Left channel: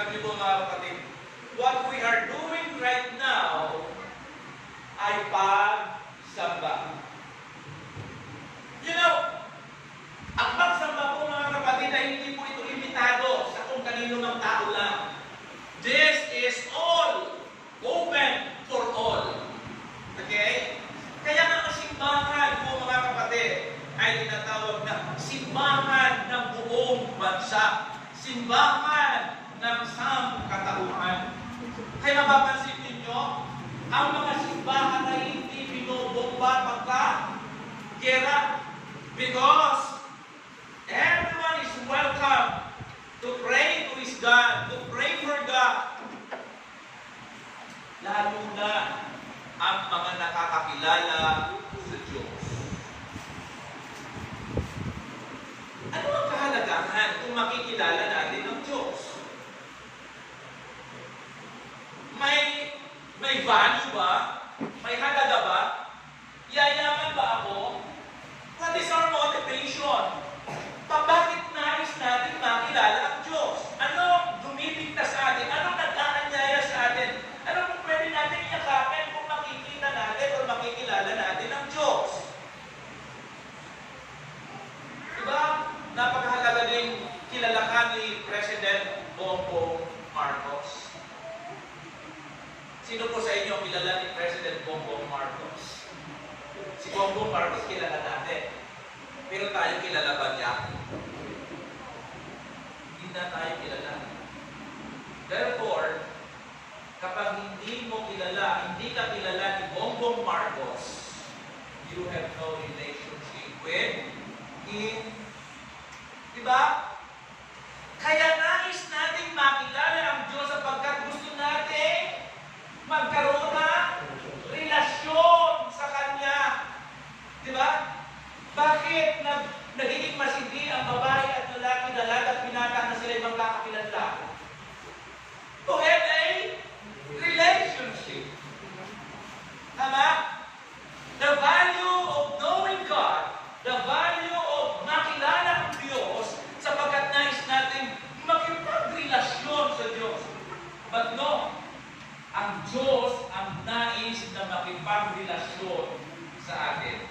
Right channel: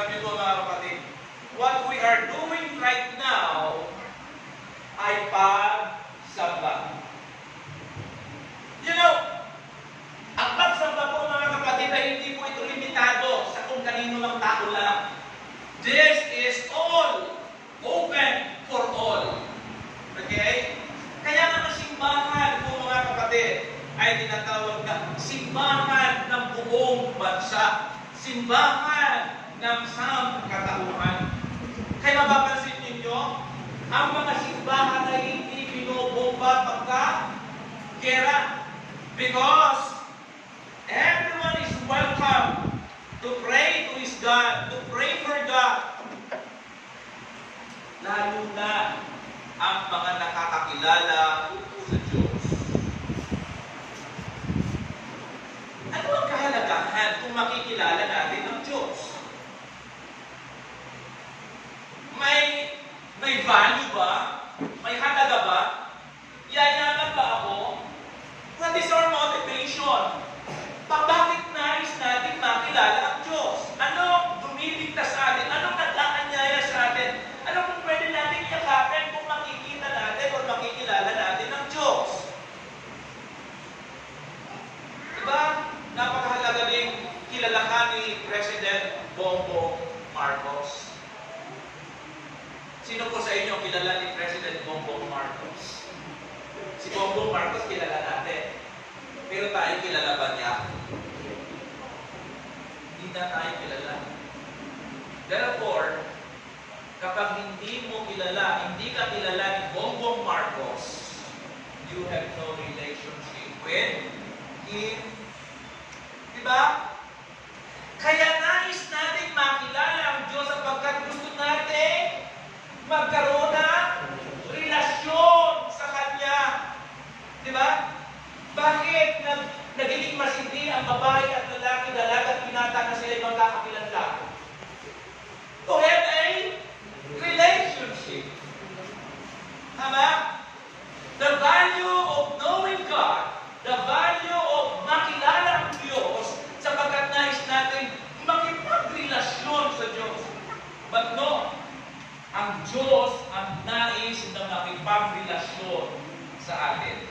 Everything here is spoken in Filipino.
Sabi ko mga kapatid, what we are doing right now ay pagsamba. You know, ang pagsamba po mga kapatid ay hindi po ito limitado sa kung kanino ng tao lang. This is all open for all. Okay? Kaya nga simbahan po mga kapatid ay tinatawag na simbahan ng buong bansa. Simbahan ng sangkatauhan. Kaya mapapansin ninyo, ang mga simbahan ay hindi binobomba pagka-gera. Because everyone is welcome to pray to his God, to pray for God. Lalo na ang mga nakakakilala sa Diyos. Ano ang kahalagahan kung makikilala natin ang Diyos? May value ba? May halaga ba? Yayaman ba ako? What is our motivation? Bakit nais natin makilala ang Diyos? Ano dumidikta sa atin? Ano nag-aanyaya sa atin? Ano kung pwede natin yakapin kung makikita natin o makikilala natin ang Diyos? Diba? Napakahalaga din kilalakan ni President Bongbong Marcos. Sino po sa inyo kilala ni President Bongbong Marcos? Si Bongbong Marcos kilala natin. Pero tayo kilala ba niya? Hindi na tayo kilala. Therefore, kapag hindi mo kilala, hindi ka kilala ni Bongbong Marcos, you have no relationship with him. Diba? Kaya nais natin makilala ang Diyos sapagkat gusto natin magkaroon ng relasyon sa Kanya. Diba? Bakit nagiging masindi ang babae at lalaki, dalaga at binata na sila magkakakilanlan? To have a relationship. Tama? The value of knowing God, the value of makilala ang Diyos, sapagkat nais natin makipagrelasyon sa Diyos. But no, ang Diyos ang nais na makipagrelasyon sa atin.